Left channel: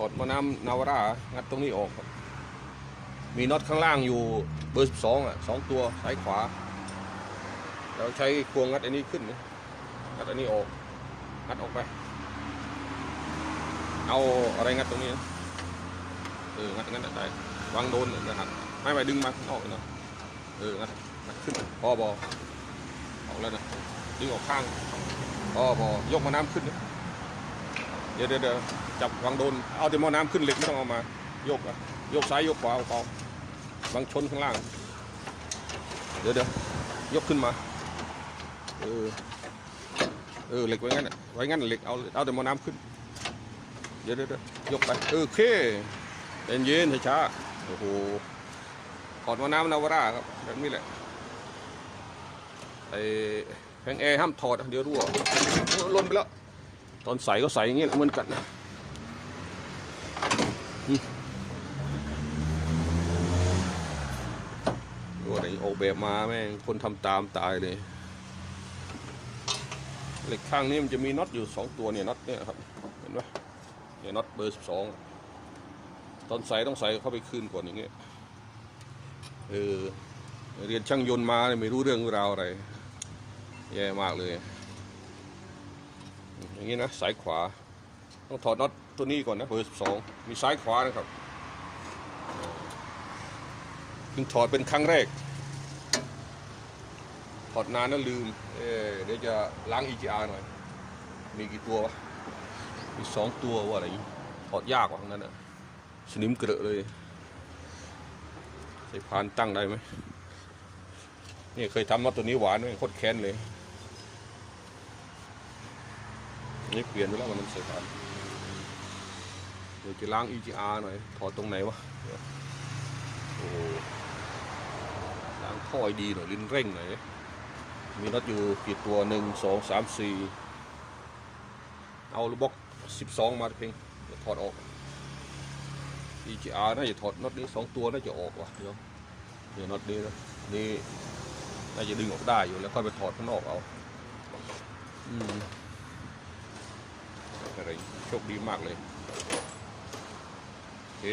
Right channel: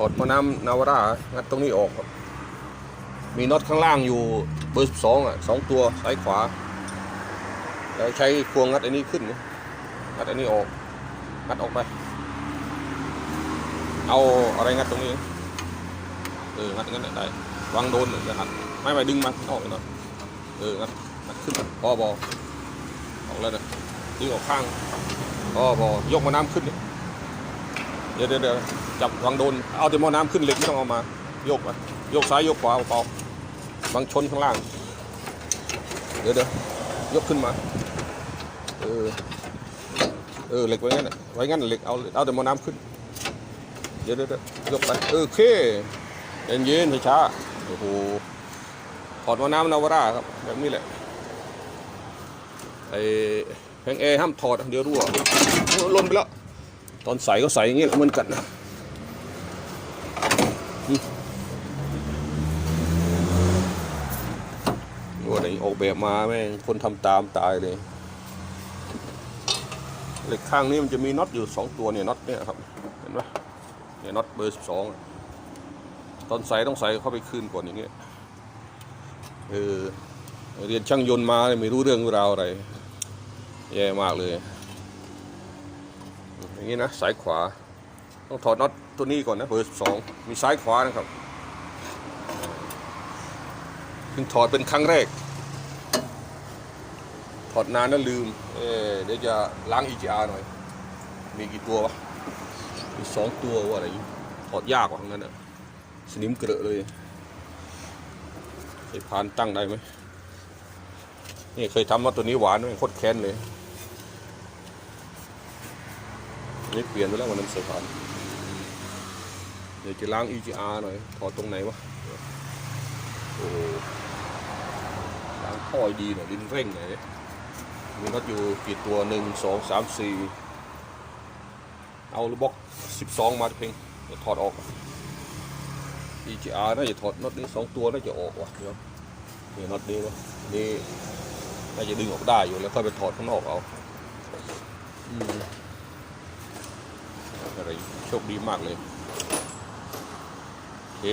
ถอดม้อน้ำนาวรางัดตรงนี้ออกครับ มีน็อตข้างล่างอยู่เบอร์สองอะสองตัวซ้ายขวา แล้วใช้ควงงัดอันนี้ขึ้นงัดอันนี้ออกงัดออกไป เอาอะไรงัดตรงนี้เอองัดงัดได้วางโดนจะหักไม่ไม่ดึงมาออกหนะเอองัดขึ้นพอบอออกแล้วนะดึงออกข้างพอบอยกม้อน้ำขึ้นเดี๋ย เดี๋ยวเดี๋ยวจับวางโดน เอาแต่หม้อน้ำขึ้นเหล็กไม่ต้องเอามา โยกไปโยกซ้ายโยกขวาเบาๆวางชนข้างล่าง เดี๋ยวเดี๋ยวยกขึ้นมา เออ เออเหล็กไว้งั้นไว้งั้นเหล็กเอาเอาแต่หม้อน้ำขึ้น เดี๋ยวเดี๋ยวยกไปเออโอเคเย็นเย็นช้าโอ้โหถอดหม้อน้ำนาวาร่าครับแบบนี้แหละไอ้แผงแอร์ห้ามถอดเดี๋ยวรั่วล่นไปแล้ว ตอนใส่ก็ใส่อย่างเงี้ยเหมือนกันนะว่าไหนออกแบบมาแม่งคนทำตามตายเลยเหล็กข้างนี้มันจะมีน็อตอยู่สองตัวเนี่ยน็อตเนี่ยครับเห็นไหมเนี่ยน็อตเบอร์สิบสองตอนใส่ต้องใส่เข้าไปคืนก่อนอย่างเงี้ยเออเรียนช่างยนต์มาไม่รู้เรื่องราวอะไรแย่มากเลย นี้นะสายขวา ต้องถอดน็อตตัวนี้ก่อนนะเบอร์สองมีซ้ายขวานะครับเพิ่งถอดเป็นครั้งแรก ถอดนานแล้วลืมเออเดี๋ยวจะล้าง EGR หน่อย มีกี่ตัววะมีสองตัวว่าอะไรถอดยากกว่างั้นอะสนิมเกลอะเลยใช้พานตั้งได้ไหมนี่เคยทำมาตัวนี้หวานไหมโคตรแค้นเลย นี่เปลี่ยนไปแล้ววันนั้นเสียผ่านเดี๋ยวจะล้าง EGR หน่อยถอดตรงไหนวะโอ้ล้างท่อให้ดีหน่อยลิ้นเร่งหน่อยมีน็อยู่กี่ตัวหนึ่งสองสามสี่เอาลูกบล็อกสิบสองมาเพียงเดี๋ยวถอดออก EGR น่าจะถอดน็อตนี้สองตัวน่าจะออกว่ะเดี๋ยวนี่น็อตนี้นะนี่น่าจะดึงออกได้อยู่แล้วค่อยไปถอดข้างนอกเอาอืม โชคดีมากเลยโอเค